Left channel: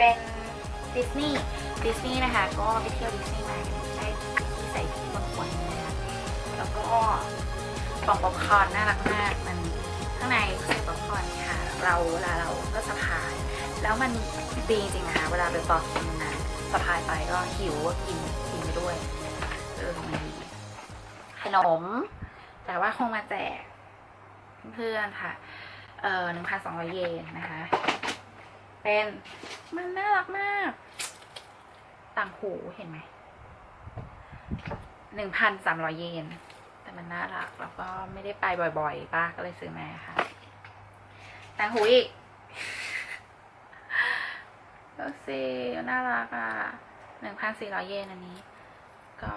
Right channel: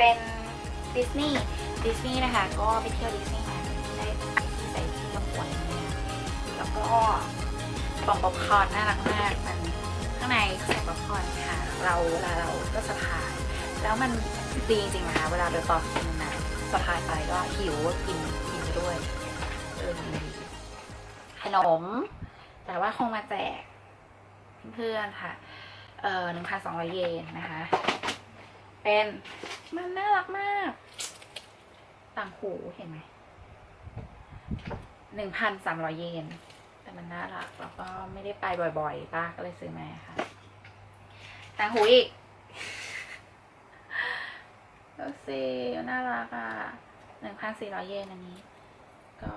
เป็นดิสนีย์ดิสนีย์นะคะก็ไปเที่ยวดิสนีย์มาที่แสงสีบางคนแล้วก็ฝั่งป๊อปคอร์นน่ารักมากมันข้างในใส่ป๊อปคอร์นค่ะเราเวลาเราก็สะพาย แล้วมันดีจริงค่ะเวลาเดินต่อกินะสะพายไปก็หิวกินกินไปด้วยขนม แต่ว่าคงมาแจกเพื่อนค่ะ เอ่อหนึ่งพันสองร้อยเยนนะคะ เป็นมันน่ารักมาก ต่างหูเห็นไหมหนึ่งพันสามร้อยเยน แต่มันน่ารัก แล้วก็ไม่ได้ไปบ่อยๆ ป้าก็เลยซื้อมาค่ะ ต่างหูอีกก็สิน่ารักอะหนึ่งพันสี่ร้อยเยนอันนี้ ก็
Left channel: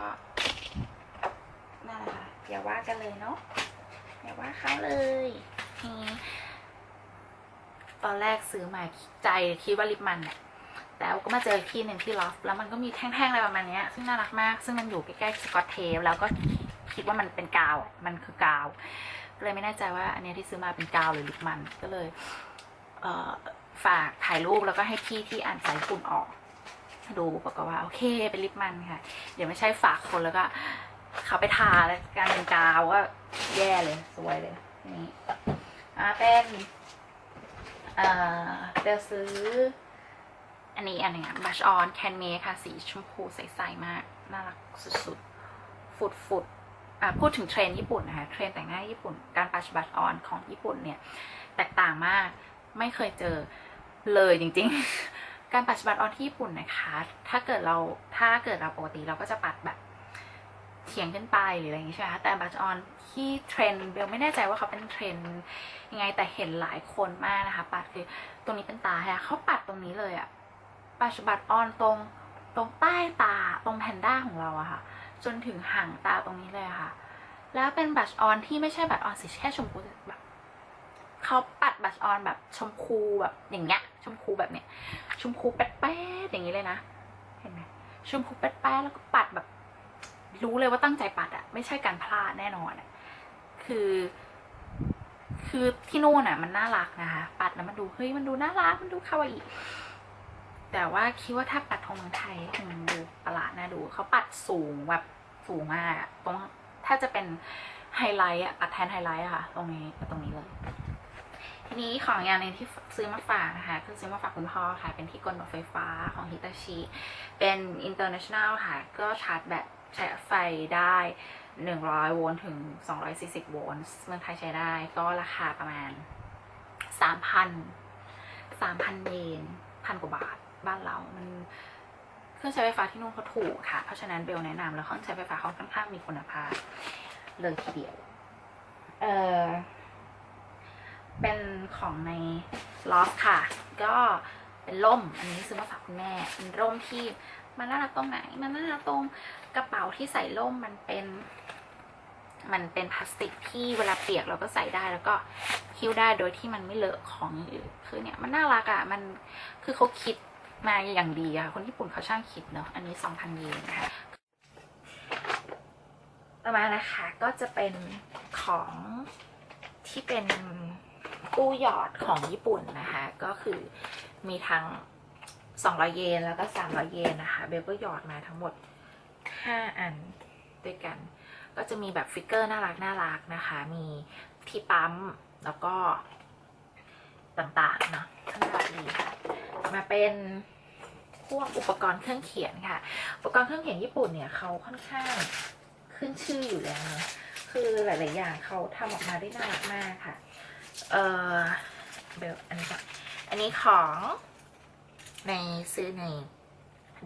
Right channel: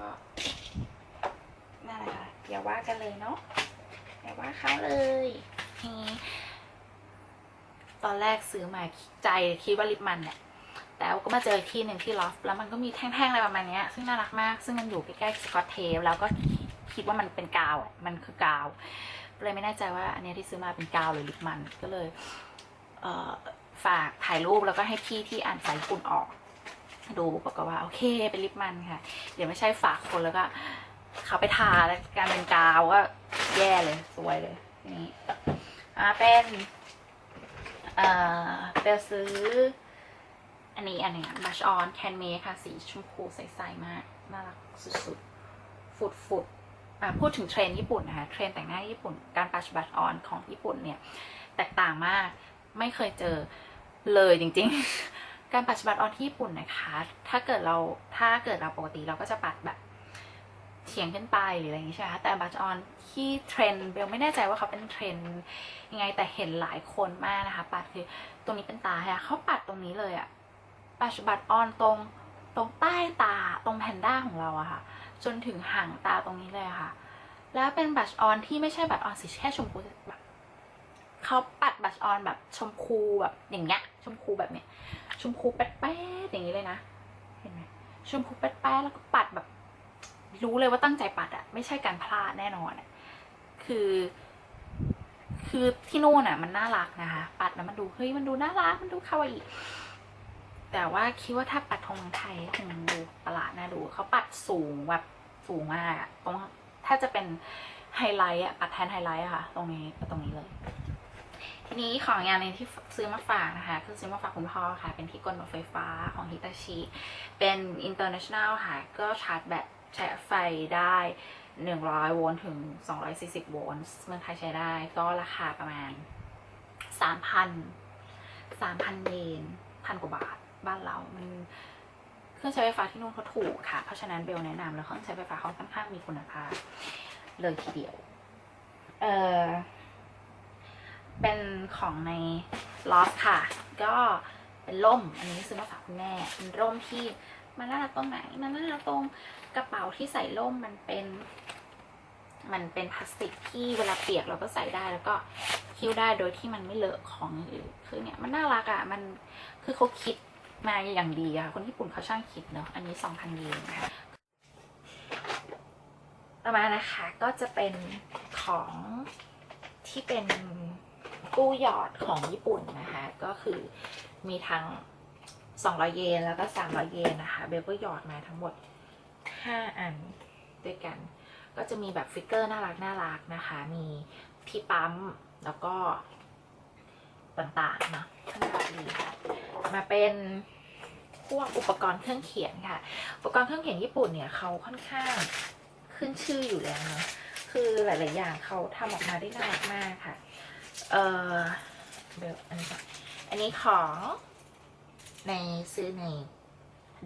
นั่นแหละอย่าว่ากันเลยเนาะอย่าว่าเขาเลยทีนี้ ตอนแรกซื้อมาใจคิดว่าลิปมันเนี่ยแต่ก็มาเจอที่หนึ่งที่ลอฟแล้วมันก็มีแท่งๆอะไรประมาณนี้ซึ่งน่ารักมาก ซึ่งมันอยู่ใกล้ๆสกอตเทปแล้วก็คิดว่ามันเป็นกาว มันคือกาว เลยไม่แน่ใจว่าอันนี้ที่ซื้อมาเป็นกาวหรือลิปมัน ก็เลยเออฝากถ่ายรูปแล้วก็ให้พี่ที่อ่านสองกลุ่มออก ดูบอกว่าโอเคเป็นลิปมันค่ะ เดี๋ยวไม่ใช่ฝากคนแล้วก็เขาไปทาแล้วการเป็นกาวก็แย่เลยสวยเลยนี่อ่าเป็น เอ่อเดี๋ยวซื้อ อันนี้อันนี้ค่ะ Blush on Can Make ค่ะ สีชมพูใสๆมาก น่ารักสุดๆฟุดฟุดๆอะพูดถึงเทรนญี่ปุ่นนะคะ เทรนแต่งหน้าญี่ปุ่น การปัชบัตออนของญี่ปุ่นเนี่ย แตกต่างมาก ไม่เคยเจอเลยจริงๆ การปัดบัตออนที่ญี่ปุ่นนะคะ ถ้าเกิดเราถ้าเกิดเราปกติเราก็จะปัดแบบ เฉียงขึ้นไปหรืออะไรอย่างนี้ใช่ไหมแต่บัตออนที่เทรนเบลไม่แน่ใจว่าเขาเป็นเทรนยังไงแต่เห็นหลายคนมากนะคะ ปัดคือตรงนี้เป็นตาค่ะเขาปัดตรงนี้เลยอะปัดบัตออนตรงตรงใต้ตาตรงแพนด้าของเราอะค่ะ จนถึงห่างตาตรงนี้เลยค่ะ แล้วเป็นบัตออนที่ไม่ใช่บัตออนสีแค่ชมพูแบบเขาปัดบัชออนแบบชมพูแบบอย่างเงี้ยชมพูแบบเนี้ยชมพูแป๊ดๆอย่างนี้เลยนะ เห็นไหมชมพูแป๊ดๆแล้วก็ปัดแบบ รู้เลยว่าตั้งใจปัดอะไม่ใช่การพลาดแน่นอนคือ คือที่นู่นอะมันน่ารักนะคะปัดแล้วมันดูเฮ้ยมันดูน่ารักมันดูคาวาอิแต่ว่าคิดว่าถ้าปัดทงเมืองไทยคงประหลาดน่าดูเขาปัดสูงแบบสูงมากตรงถ้าจะเป็นไฮไลท์อะปัดแทนไฮไลท์อะค่ะตรงนี้ตรงนี้เลยทีนี้ของอย่างนึงที่ซื้อมาฝากนะคะคือซื้อมาฝากคุณพ่อค่ะ เป็นที่กลรถไฟฟ้าของฮิตาชิ เป็น international ค่ะ ก็ชาร์จแบต ใช้ไฟได้ 100 โวลต์ถึง 240 โวลต์เมืองไทยใช้ได้ก็ราคาประมาณ 3,000 3,000 เยนพันกว่าบาทบ้านเรา มันเครื่องใช้ไฟฟ้าที่นู่นเขาถูกค่ะ เพราะฉะนั้นเบลแนะนำแล้วเขาใช้ไฟฟ้าเขาค่อนข้างมีคุณภาพเลยทีเดียว เออเป็นของในลอฟค่ะ ก็เป็นร่ม อันนี้ซื้อมาฝากคุณแม่เป็นร่มที่มันน่ารักตรงไหน มันน่ารักตรง กระเป๋าที่ใส่ร่มมันเป็น มันเป็นพลาสติกที่เวลาเปียกเราก็ใส่ได้แล้วก็หิ้วได้โดยที่มันไม่เลอะของอื่นคือเนี่ยมันน่ารักอะ่ะมันคือเขาคิดมาอย่างดีอะคนญี่ปุ่นเขาช่างคิดเนาะอันนี้สองพันเยนนะคะต่อมานะคะก็จะเป็นของที่เป็นตู้หยอดของญี่ปุ่นนะคะ ก็คือมีทั้ง200 เยนแล้วก็300 เยนนะคะ เบลก็หยอดมาทั้งหมด 5อันด้วยกัน ก็จะมีแบบฟิกเกอร์น่ารักน่ารักนะคะ มีที่ปั๊มแล้วก็ต่างๆเนาะน่ารักดีค่ะมาเป็นพวกอุปกรณ์เครื่องเขียนค่ะ อุปกรณ์เครื่องเขียนญี่ปุ่นเนี่ยเขาค่อนข้างขึ้นชื่ออยู่แล้วเนาะคือหลาย ๆ อย่างเขาทำออกมาได้น่ารักมากค่ะ เออเบลอันนี้ก่อนอันนี้ของในซื้อใน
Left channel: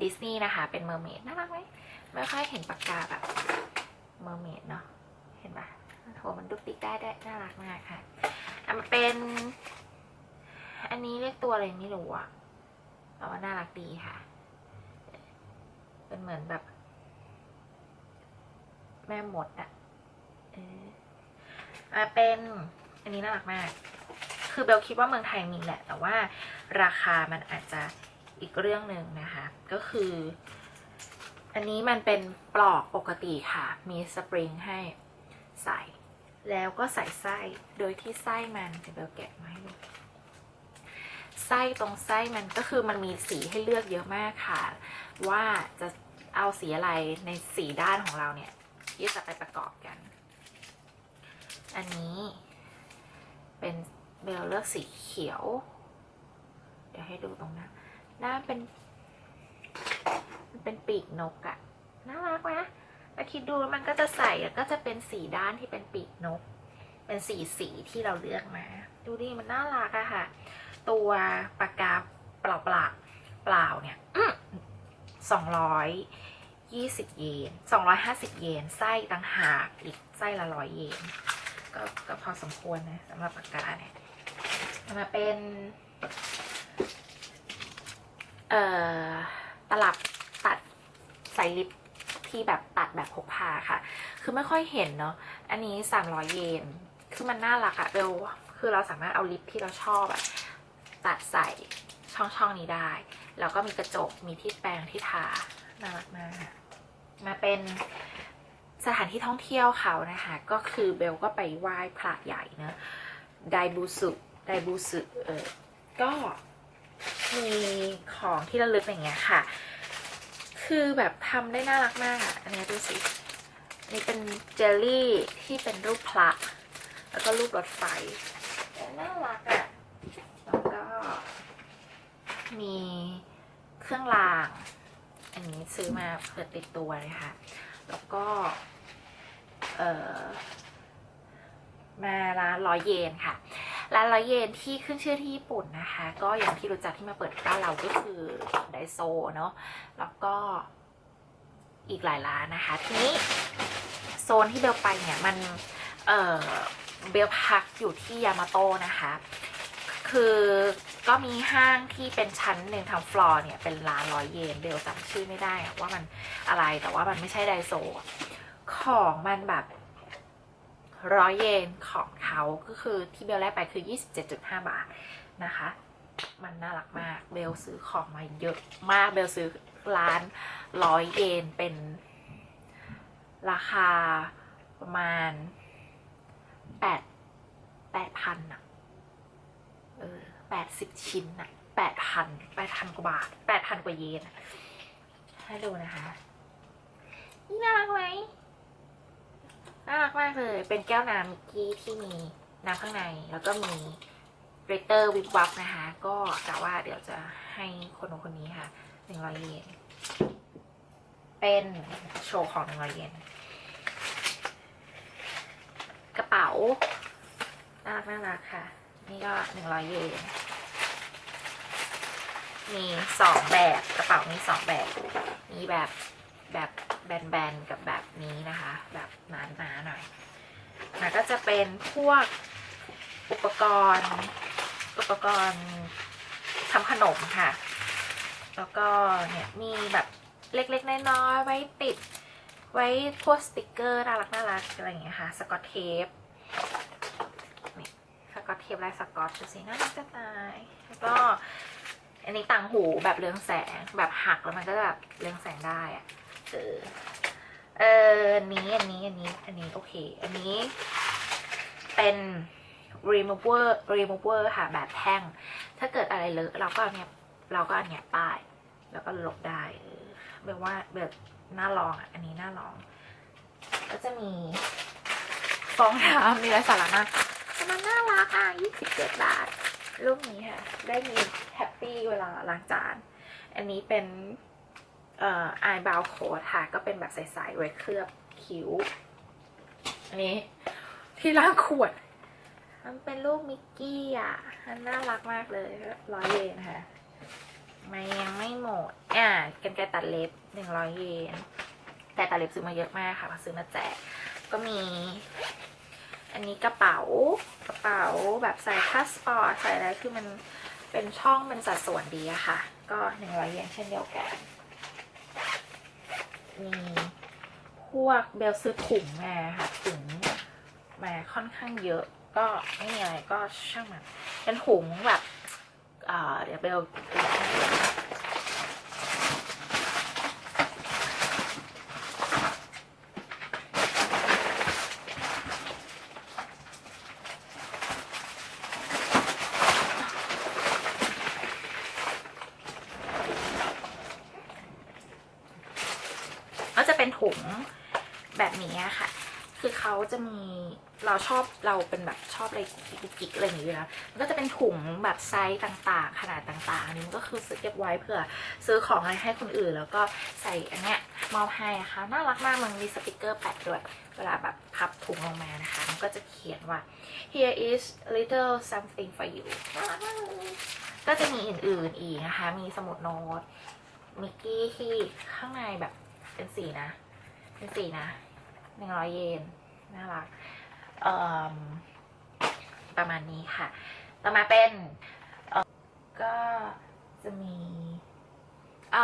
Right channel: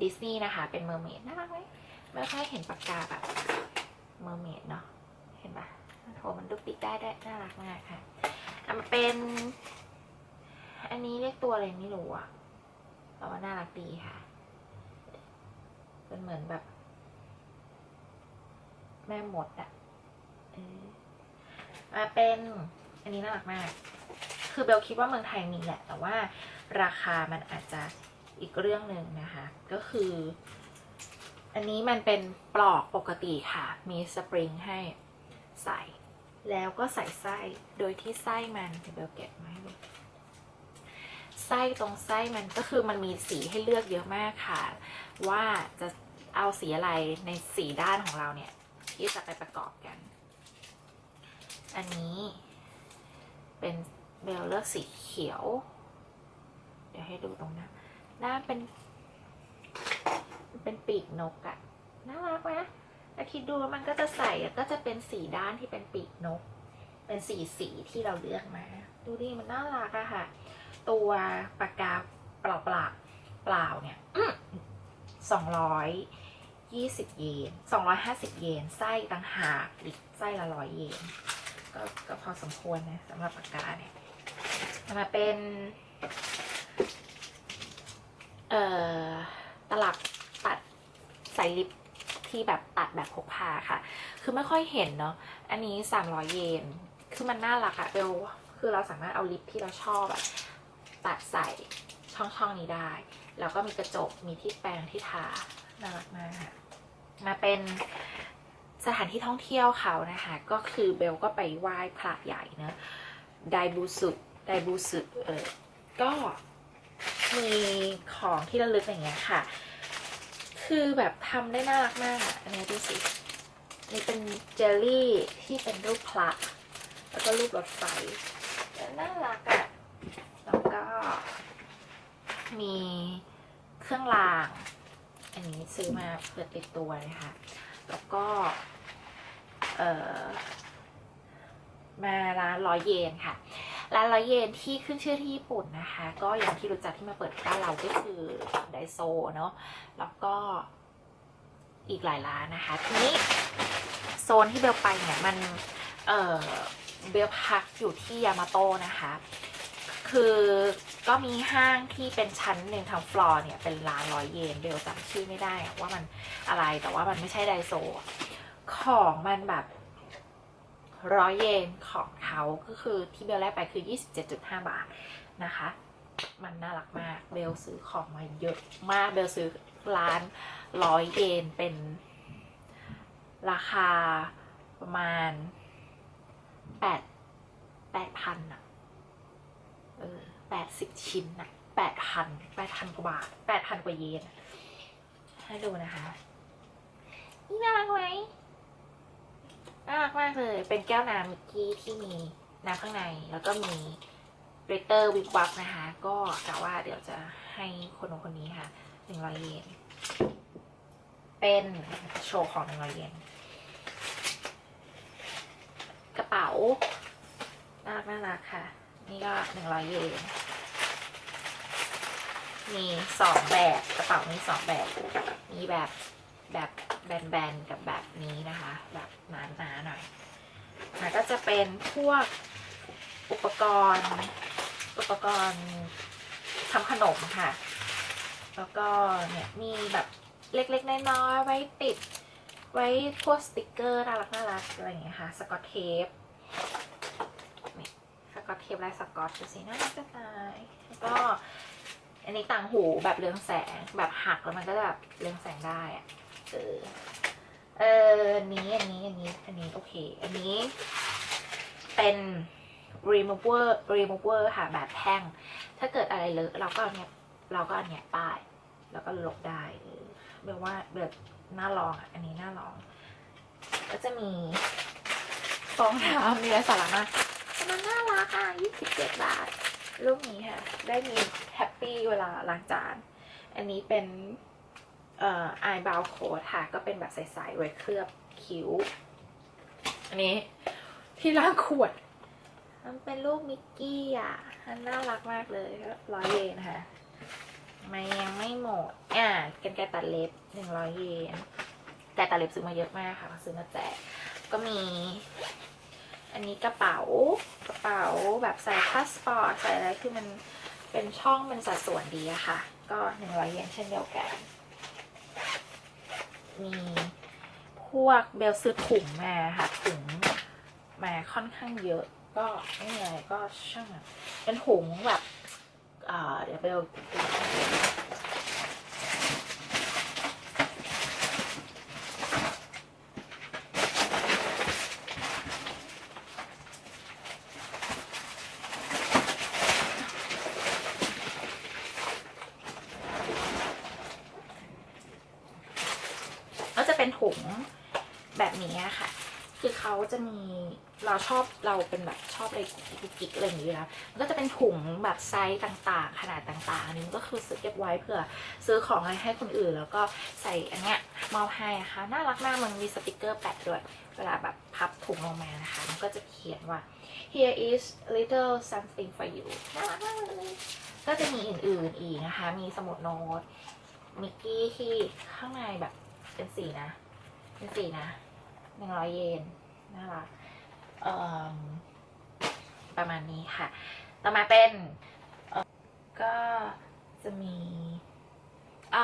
ดิสนีย์นะคะ เป็นเมอร์เมดน่ารักไหมไม่ค่อยเห็นปากกาแบบเมอร์เมดเนาะเห็นปะโหมันดุกดิกได้ได้น่ารักมากค่ะอันเป็น อันนี้เรียกตัวอะไรไม่รู้อะแต่ว่าน่ารักดีค่ะเป็นเหมือนแบบ แม่หมดอะมาเป็นอันนี้น่ารักมาก คือเบลคิดว่าเมืองไทยมีแหละ แต่ว่าราคามันอาจจะ อีกเรื่องหนึ่งนะคะ ก็คือ อันนี้มันเป็นปลอกปกติค่ะ มีสปริงให้ใส่ แล้วก็ใส่ไส้โดยที่ไส้มันเดี๋ยวเบลแกะมาให้ไส้ตรงไส้มันก็คือมันมีสีให้เลือกเยอะมากค่ะ ว่าจะเอาสีอะไรในสีด้านของเราเนี่ยที่จะไปประกอบกัน อันนี้ เป็นเบลเลือกสีเขียว เดี๋ยวให้ดูตรงหน้า หน้าเป็น มันเป็นปีกนกอะน่ารักไหมถ้าคิดดูมันก็จะใส่แล้วก็จะเป็นสีด้านที่เป็นปีกนก เป็นสีสีที่เราเลือกมา ดูดิมันน่ารักอะค่ะ ตัวปากกาเปล่าเปล่าเปล่าเนี่ยสองร้อยยี่สิบเยนสองร้อยห้าสิบเยนไส้ต่างหากอีกไส้ละร้อยเยนก็ก็พอสมควรนะสำหรับปากกาเนี่ยมาเป็น ตลับตัดใส่ลิปที่แบบตัดแบบพกพาค่ะ คือไม่ค่อยเห็นเนาะ อันนี้สามร้อยเยน คือมันน่ารักอะเบลคือเราสามารถเอาลิปที่เราชอบอะตัดใส่ช่องช่องนี้ได้ แล้วก็มีกระจก มีที่แปรงที่ทา น่ารักมากมาเป็นสถานที่ท่องเที่ยวเขานะคะ ก็คือเบลก็ไปไหว้พระใหญ่เนอะไดบูสุไดบูสุเออก็ มีของที่ระลึกอย่างเงี้ยค่ะ คือแบบทำได้น่ารักมากอันนี้ดูสินี่เป็นเจลลี่ที่เป็นรูปพระแล้วก็รูปรถไฟน่ารักอะแล้วก็ มีเครื่องราง อันนี้ซื้อมาเพื่อติดตัวนะคะแล้วก็ เอ่อมาร้านร้อยเยนค่ะ ร้านร้อยเยนที่ขึ้นชื่อที่ญี่ปุ่นนะคะ ก็อย่างที่รู้จักที่มาเปิดบ้านเราก็คือไดโซเนาะแล้วก็อีกหลายร้านนะคะ ทีนี้โซนที่เบลไปเนี่ยมันเออเบลพักอยู่ที่ยามาโตนะคะ คือก็มีห้างที่เป็นชั้นหนึ่งทางฟลอร์เนี่ยเป็นร้านร้อยเยนเบลจำชื่อไม่ได้อะว่ามันอะไรแต่ว่ามันไม่ใช่ไดโซของมันแบบ ร้อยเยนของเขาก็คือที่เบลแรกไปคือ 27.5 บาทนะคะ มันน่ารักมากเบลซื้อของมาเยอะมากเบลซื้อร้านร้อยเยนเป็นราคาประมาณแปดแปดพันอะเออแปดสิบชิ้นอะแปดพันแปดพันกว่าบาทแปดพันกว่าเยนให้ดูนะคะ นี่น่ารักไหม น่ารักมากเลย เป็นแก้วน้ำมิกกี้ที่มีน้ำข้างใน แล้วก็มีกริตเตอร์วิบวับนะคะ ก็กะว่าเดี๋ยวจะให้คนคนนี้ค่ะหนึ่งร้อยเยน เป็นโชว์ของหนึ่งร้อยเยน กระเป๋าน่ารักน่ารักค่ะ นี่ก็หนึ่งร้อยเยน มีสองแบบกระเป๋ามีสองแบบ มีแบบแบบแบนๆกับแบบนี้นะคะ แบบหนาๆหน่อยแล้วก็จะ เป็นพวกอุปกรณ์ อุปกรณ์ทำขนมค่ะ แล้วก็เนี่ยมีแบบเล็กๆ น้อยๆไว้ติด ไว้พวกสติกเกอร์น่ารักน่ารักอะไรอย่างเงี้ยค่ะ สกอตเทปสกอตเทปลายสกอตสีน่ารักจะตาย ก็อันนี้ต่างหูแบบเรืองแสงแบบหักแล้วมันก็แบบเรืองแสงได้ เออเอออันนี้อันนี้อันนี้อันนี้โอเค อันนี้ เป็น remover remover ค่ะแบบแท่ง ถ้าเกิดอะไรเลอะเราก็เอาเนี่ยเราก็เอาเนี่ยป้าย แล้วก็ลบได้แบบว่าแบบน่าลองอันนี้น่าลอง ก็จะมีฟองน้ำมีหลายสาระมากแต่มันน่ารักอะ27บาทรูปนี้ค่ะ ได้มีแฮปปี้เวลาล้างจาน อันนี้เป็นเอ่อ i b r o w coat ค่ะ ก็เป็นแบบใสๆไว้เคลือบคิ้ว อันนี้ ที่ล้างขวด มันเป็นรูปมิกกี้อะมันน่ารักมากเลยร้อยเยนค่ะมันยังไม่หมด อ่ากันไกรตัดเล็บหนึ่งร้อยเยน แต่ตัดเล็บซื้อมาเยอะมากค่ะมาซื้อมาแจก ก็มี อันนี้กระเป๋า กระเป๋าแบบใส่พาสปอร์ตใส่อะไรคือมันเป็นช่องเป็นสัดส่วนดีอะค่ะ ก็หนึ่งร้อยเยนเช่นเดียวกัน มีพวกเบลซื้อถุงมาค่ะถุง มาค่อนข้างเยอะ ก็ไม่มีอะไรก็ช่างมันเป็นถุงแบบอ่าเดี๋ยวเบล จะเป็นถุงแบบนี้ค่ะ คือเขา จะมีเราชอบเราเป็นแบบชอบอะไรกิ๊กอะไรอย่างเงี้ยมันก็จะเป็นถุงแบบไซส์ต่างๆ ขนาดต่างๆนนี้ก็คือซื้อเก็บไว้เผื่อซื้อของอะไรให้คนอื่น แล้วก็ใส่อันเนี้ยมอบให้ค่ะน่ารักมากมันมีสติกเกอร์แปะด้วย เวลาแบบพับถุงลงมานะคะ มันก็จะเขียนว่า here is little something for you ก็จะมีอื่นๆอีกนะคะ มีสมุดโน้ตมิกกี้ที่ข้างในแบบเป็นสีนะ เป็นสีนะหนึ่งร้อยเยน น่ารักประมาณนี้ค่ะ ต่อมาเป็นก็จะมีอ่า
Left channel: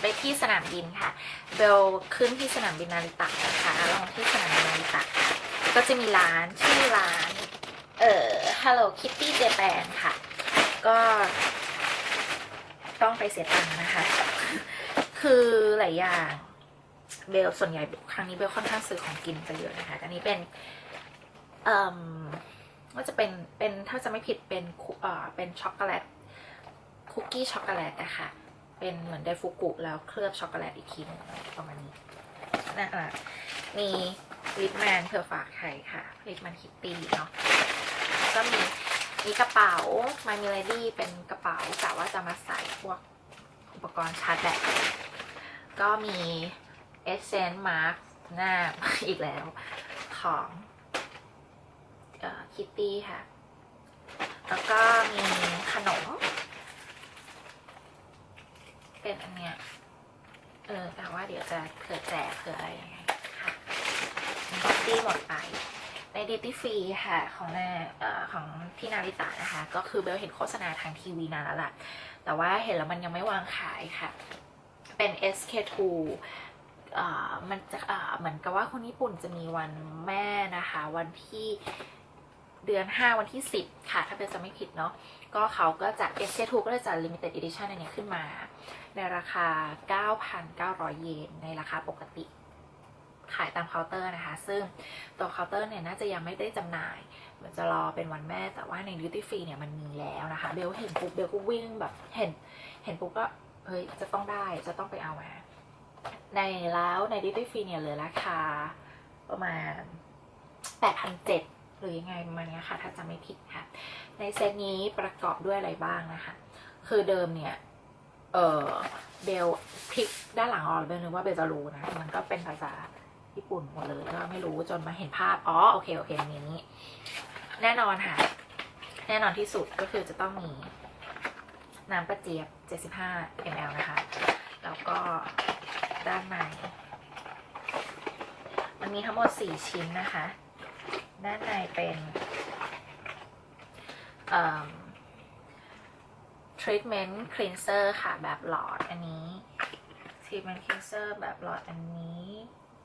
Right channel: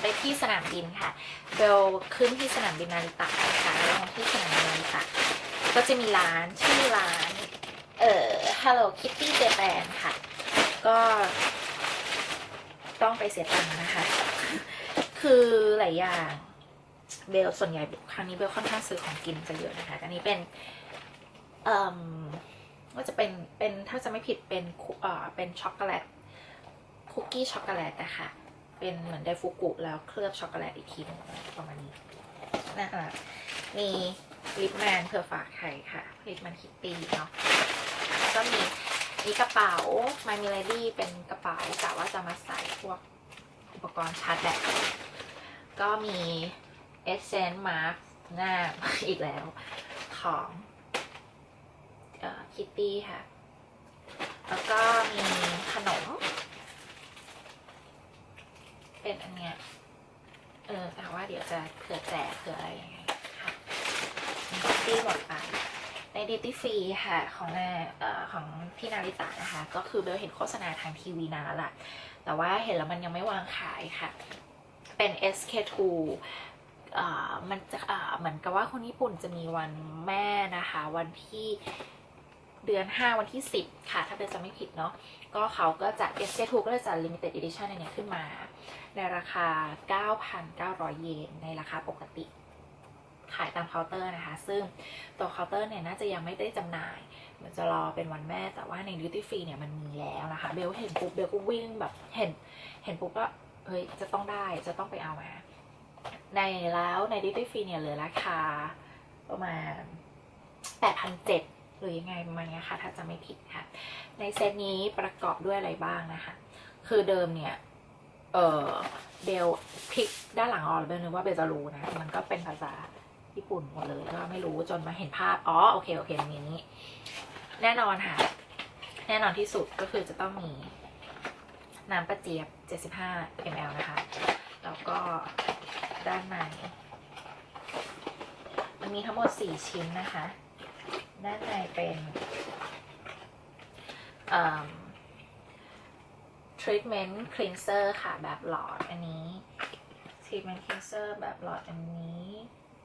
ไปที่สนามบินค่ะ เบลขึ้นที่สนามบินนาริตะนะคะแล้วลงที่สนามบินนาริตะก็จะมีร้านชื่อร้าน เอ่อ Hello Kitty Japan ค่ะ ก็ต้องไปเสียตังค์นะคะ คือหลายอย่าง เบลส่วนใหญ่ครั้งนี้เบลค่อนข้างซื้อของกินจะเยอะนะคะ อันนี้เป็นเอ่อว่าจะเป็นเป็นถ้าจะไม่ผิดเป็นคุเอ่อเป็นช็อกโกแลตคุกกี้ช็อกโกแลตนะคะเป็นเหมือนไดฟุกุแล้วเคลือบช็อกโกแลตอีกทีนึงประมาณนี้นะคะมีลิปแมนเพื่อฝากไข่ค่ะลิปแมนคิตตี้เนาะก็มีมีกระเป๋ามามิลดี้เป็นกระเป๋ากะว่าจะมาใส่พวกอุปกรณ์ชาร์จแบตก็มี เอเซนต์มาร์กหน้าอีกแล้วของคิตตี้ค่ะ แล้วก็มีขนม เป็นอันเนี้ยเออแต่ว่าเดี๋ยวจะเผื่อแจกเผื่ออะไรยังไงค่ะดีหมดไปในดิตี้ฟรีค่ะ ของหน้าเอ่อของที่นาริตะนะคะ ก็คือเบลเห็นโฆษณาทางทีวีนานแล้วล่ะแต่ว่าเห็นแล้วมันยังไม่วางขายค่ะ เป็น SK2 อ่า มันจะเหมือนกับว่าคนญี่ปุ่นจะมีวันแม่นะคะ วันที่เดือน 5 วันที่ 10 ค่ะ ถ้าเป็นจะไม่ผิดเนาะก็เขาก็จะ SK2 ก็จะ limited edition อันนี้ขึ้นมา ในราคา 9,900 เยน ในราคาปกติ ขายตามเคาน์เตอร์นะคะ ซึ่งตัวเคาน์เตอร์เนี่ยน่าจะยังไม่ได้จำหน่าย มันจะรอเป็นวันแม่แต่ว่าใน duty free เนี่ยมันมีแล้วนะคะเบลเห็นปุ๊บเบลก็วิ่งแบบเห็น เห็นปุ๊บก็เฮ้ยจะต้องได้จะต้องไปเอามา ในแล้วใน duty free เนี่ยเหลือราคาประมาณ8,700หรือยังไงประมาณนี้ค่ะ ถ้าจะไม่ผิดค่ะ ในเซตนี้ประกอบด้วยอะไรบ้างนะคะ คือเดิมเนี่ย เออเบลพลิกด้านหลังออกเบลนึกว่าเบลจะรู้นะ มันก็เป็นภาษาญี่ปุ่นหมดเลยก็ไม่รู้จนมาเห็นภาพ อ๋อ โอเค โอเคอย่างนี้ แน่นอนค่ะ แน่นอนที่สุดก็คือจะต้องมีน้ำประเจี๊ยบ 75 ml นะคะ แล้วก็ ด้านในมันมีทั้งหมด 4 ชิ้นนะคะ ด้านในเป็นเอ่อ treatment cleanser ค่ะแบบหลอดอันนี้ treatment cleanser แบบหลอดอันนี้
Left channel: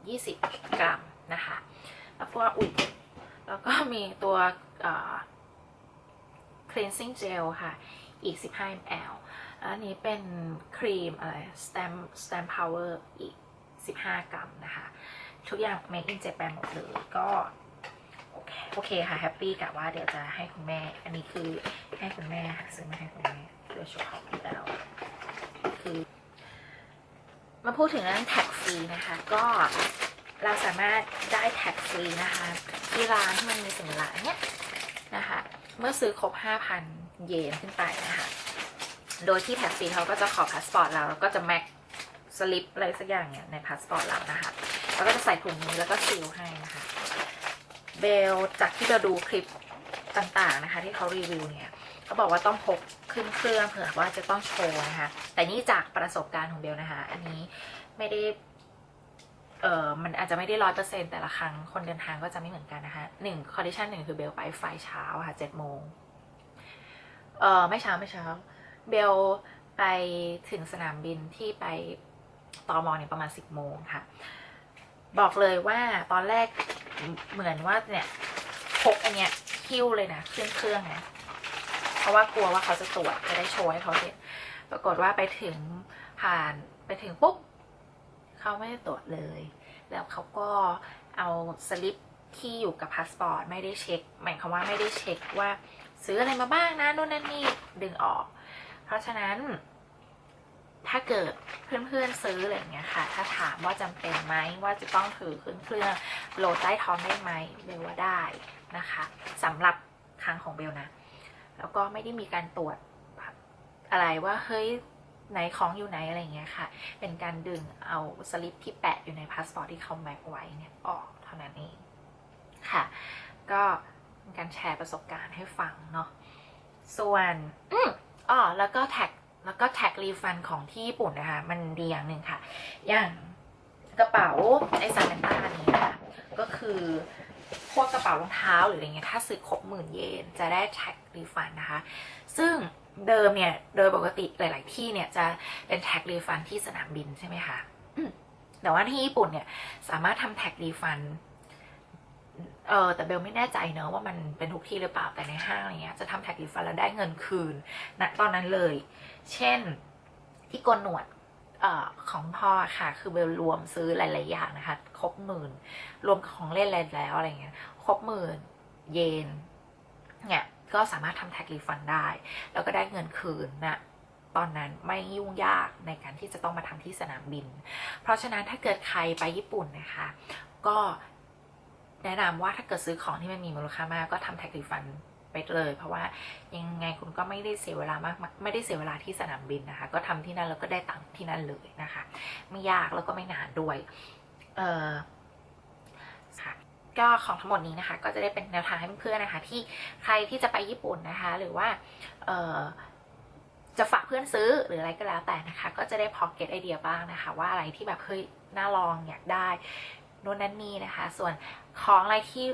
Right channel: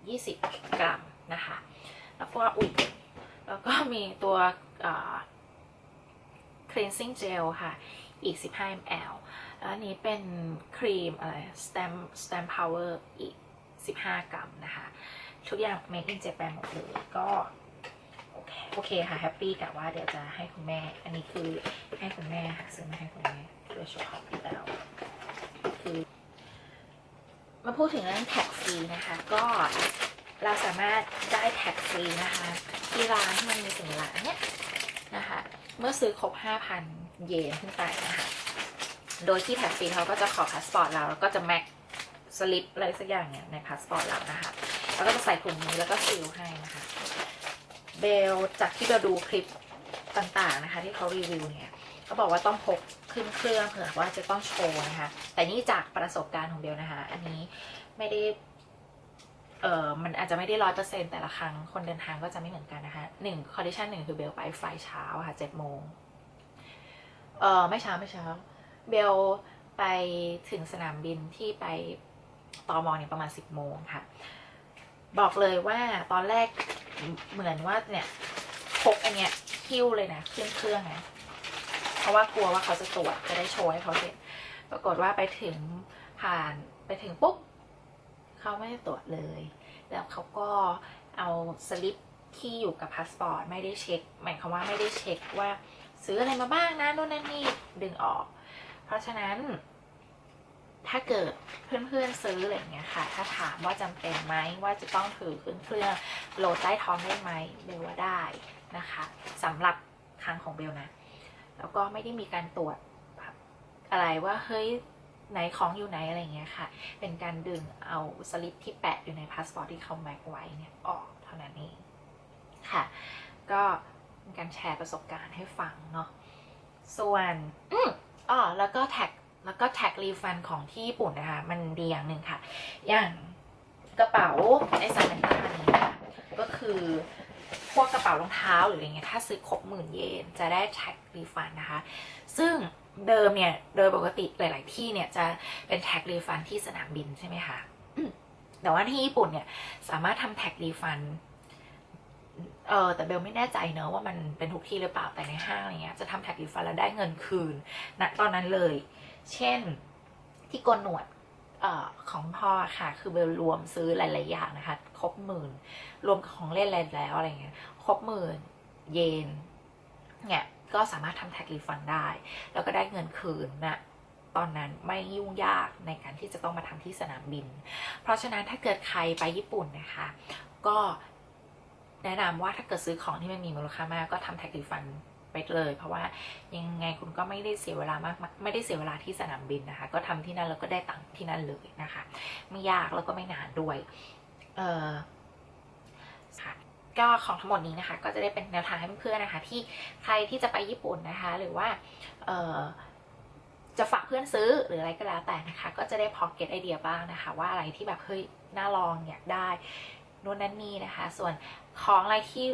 20 กรัมนะคะ แล้วก็อุ่นแล้วก็มีตัวเอ่อ cleansing gel ค่ะ อีก 15 ml แล้วอันนี้เป็นครีมอะไร stamp stamp power อีก 15 กรัมนะคะ ทุกอย่าง made in Japan หมดเลยก็โอเคโอเคค่ะแฮปปี้กับว่าเดี๋ยวจะให้คุณแม่ อันนี้คือให้คุณแม่ค่ะซื้อมาให้คุณแม่โดยโชว์ของอยู่แล้วคือมาพูดถึงเรื่องแท็กฟรีนะคะ ก็เราสามารถได้แท็กฟรีนะคะ ที่ร้านที่มันมีสินร้านนะคะ เมื่อซื้อครบ 5,000 เยนขึ้นไปนะคะโดยที่แท็กฟรีเขาก็จะขอพาสปอร์ตเราแล้วก็จะแม็กสลิปอะไรสักอย่างเนี่ยในพาสปอร์ตเรานะคะแล้วก็จะใส่ถุงนี้แล้วก็ซีลให้นะคะเบลจากที่เบลดูคลิปต่างๆนะคะ ที่เขารีวิวเนี่ยเขาบอกว่าต้องพกขึ้นเครื่องเผื่อว่าจะต้องโชว์นะคะแต่นี่จากประสบการณ์ของเบลนะคะ อันนี้ไม่ได้เออมันอาจจะไม่ได้ร้อยเปอร์เซ็นแต่ละครั้งคนเดินทางก็จะไม่เหมือนกันนะคะหนึ่งคอนดิชันหนึ่งคือเบลไปไฟเช้าค่ะเจ็ดโมง เออไม่เช้าไม่เช้า เบลไปถึงสนามบินที่ไปตอมอเนี่ยประมาณสิบโมงค่ะ บอกเลยว่าตอนแรกเหมือนว่าเนี่ยพกอันเนี้ยคิ้วเลยนะขึ้นเครื่องนะเพราะว่ากลัวว่าเขาจะตรวจจะได้โชว์ให้เขาเห็นปรากฏว่าไปถึงผ่านไปถึงปุ๊บเขาไม่ตรวจเลย แล้วเขาก็เอาสลิปที่อยู่กับพาสปอร์ตไม่ได้เช็คหมายความว่าไม่ได้เช็คว่า ซื้ออะไรมาบ้างนะโน่นนั่นนี่ดึงออก เพราะฉะนั้น ถ้าเกิดเพื่อนๆซื้ออะไรอย่างเงี้ยค่ะ ถ้าถามว่าจำเป็นไหมว่าจะต้องถือขึ้นเครื่องโหลดใต้ท้องได้ไหมเบลว่าได้นะคะสำหรับทางของเบลนะแล้วก็ไม่ได้มีการตรวจแบบอะไรว่าเฮ้ยไหนของอยู่ไหนอะไรอย่างเงี้ยค่ะ เป็นการดึงเอาสลิปที่แปะอยู่ในพาสปอร์ตที่เขาแม็กไว้เนี่ยออกเท่านั้นเองค่ะ ก็ การแชร์ประสบการณ์ให้ฟังเนาะส่วนอ๋อแล้วก็แท็กแล้วก็แท็กรีฟันของที่ญี่ปุ่นนะคะ มันดีอย่างหนึ่งค่ะ อย่างกระเป๋าไอซานันตานี้นะคะก็คือพวกกระเป๋ารองเท้าหรืออะไรเงี้ยถ้าซื้อครบหมื่นเยนจะได้แท็กรีฟันนะคะ ซึ่งเดิมเนี่ย โดยปกติหลาย ๆ ที่เนี่ยจะเป็นแท็กรีฟันที่สนามบินใช่ไหมคะแต่ว่าที่ญี่ปุ่นเนี่ยสามารถทำแท็กรีฟัน เออแต่เบลไม่แน่ใจเนอะว่ามันเป็นทุกที่หรือเปล่าแต่ในห้างอะไรเงี้ยจะทำแท็กรีฟันแล้วได้เงินคืนณตอนนั้นเลย เช่นที่โกนหนวดเออของพ่อค่ะ คือเบลรวมซื้อหลาย ๆ อย่างนะคะ ครบหมื่น รวมของเล่นแล้วอะไรเงี้ยครบหมื่น เยนเนี่ยก็สามารถทำแท็กรีฟันได้ แล้วก็ได้เงินคืนนะตอนนั้นไม่ยุ่งยากในการที่จะต้องมาทำที่สนามบิน เพราะฉะนั้นถ้าเกิดใครไปญี่ปุ่นนะคะ ก็ แนะนำว่าถ้าเกิดซื้อของที่มันมีมูลค่ามากก็ทำแท็กรีฟันไปเลย เพราะว่ายังไงคุณก็ไม่ได้เสียเวลามากไม่ได้เสียเวลาที่สนามบินนะคะ ก็ทำที่นั่นแล้วก็ได้ตังค์ที่นั่นเลยนะคะ ไม่ยากแล้วก็ไม่นานด้วยเออค่ะก็ของทั้งหมดนี้นะคะ ก็จะได้เป็นแนวทางให้เพื่อนนะคะ ที่ใครที่จะไปญี่ปุ่นนะคะ หรือว่าเออจะฝากเพื่อนซื้อหรืออะไรก็แล้วแต่นะคะ ก็จะได้พอเก็ตไอเดียบ้างนะคะ ว่าอะไรที่แบบเฮ้ยน่าลองอยากได้ นู่นนั่นนี่นะคะ ส่วนของอะไรที่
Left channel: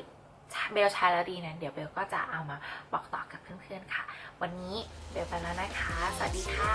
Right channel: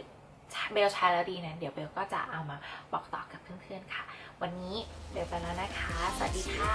เบลใช้แล้วดีนั้น เดี๋ยวเบลก็จะเอามาบอกต่อกับเพื่อนๆค่ะ วันนี้เบลไปแล้วนะคะ สวัสดีค่ะ